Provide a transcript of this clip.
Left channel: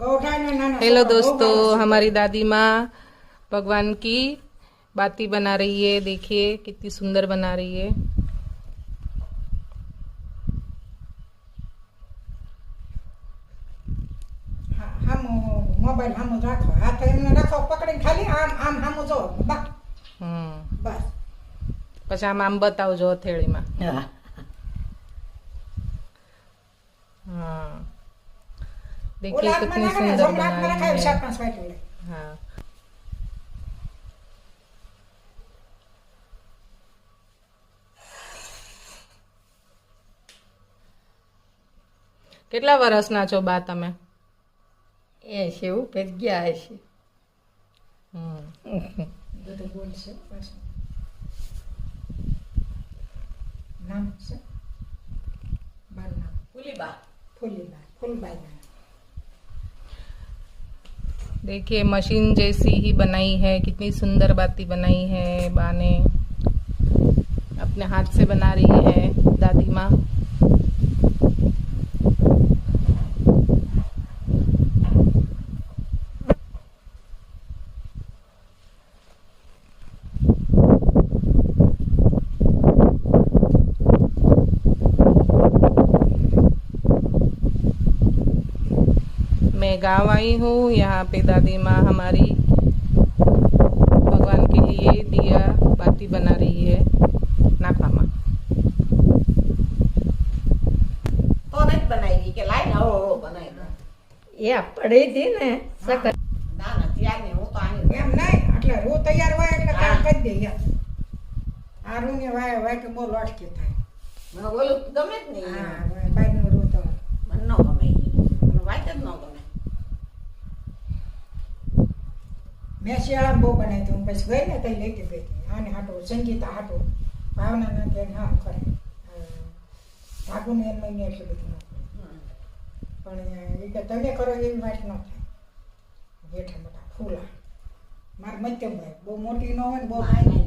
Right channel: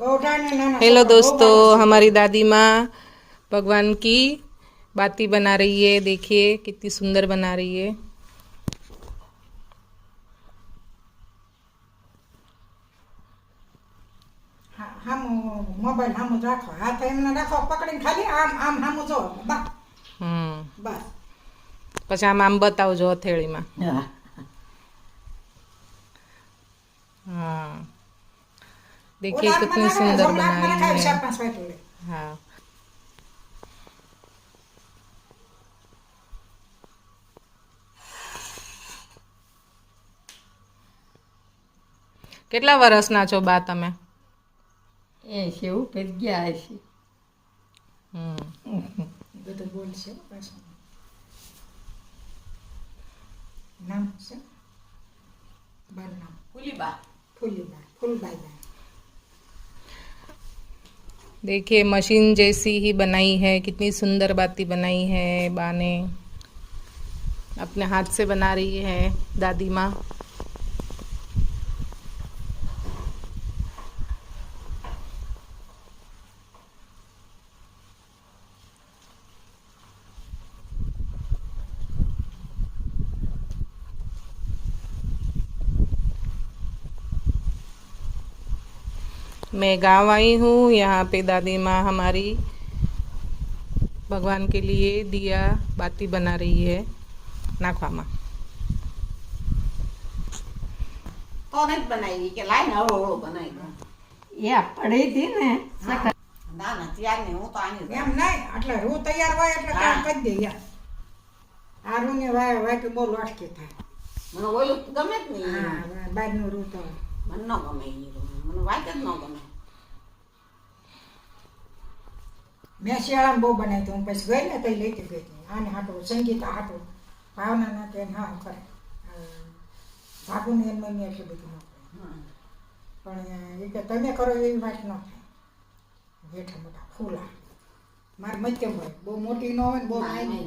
Hello दोस्तों, हमारी दादी माँ भगवान की बाती बना रही है। देखिए कितनी सुंदर बना रही है। हम मोबाइल हम राखो, हाथ एमने राखो, पकड़ीने खाली આમ આમ હામું જો બસ બસ પછી આમ બતાવજો હથેળીમાં। हाँ, देखिए कितनी सुंदर बना रही है। हाँ, કેટલા વર્ષના છો બા તમે? 80 ઉપર ગયા હશે। બધું બોલશે પાછું નામ છે બાર નામ ફૂલબાઈ। देखिए मशीन जैसी ही बनाई है, कितनी सुंदर बाती बनाई है। बा ने अपने हाथ से बना रही है दादी माँ। मैं गांव आई हूँ। यहाँ पे दादी माँ हमारी भगवान के लिए दिया बाती बना रही है। नाखवा माँ तो नहीं बनाई के लाइन हळो हळो बनाई ये पड़ी थी ने सकत ना ना तैयार नहीं हूं तो आनी એમ નહીં એટલે રૂ તૈયાર હોય એટલે કામ કરી દઈએ। આ રૂને વાય કે બહુ લોટકી થાય। મને ઓલું ગમે જ નહીં। હા, બહારનું રૂ તો મને ન ગમે મને વાત જ ન ગમે। મેં શિયાળામાં બહુ બનાવી હતી। હું પછી ગઈ ને તો લઈ ગઈ હતી આને હાટું સંગીતા હાટું ભાવના કે હા કરે ભાગુને એમ નહીં એટલું બધું ન કરે પણ એ કે તમે કરો એવી વાત ન થાય। જેઠા મોટા ફૂલા મારે મધ્યમ હોય, બહુ મોટી ન હોય ને બહુ નાની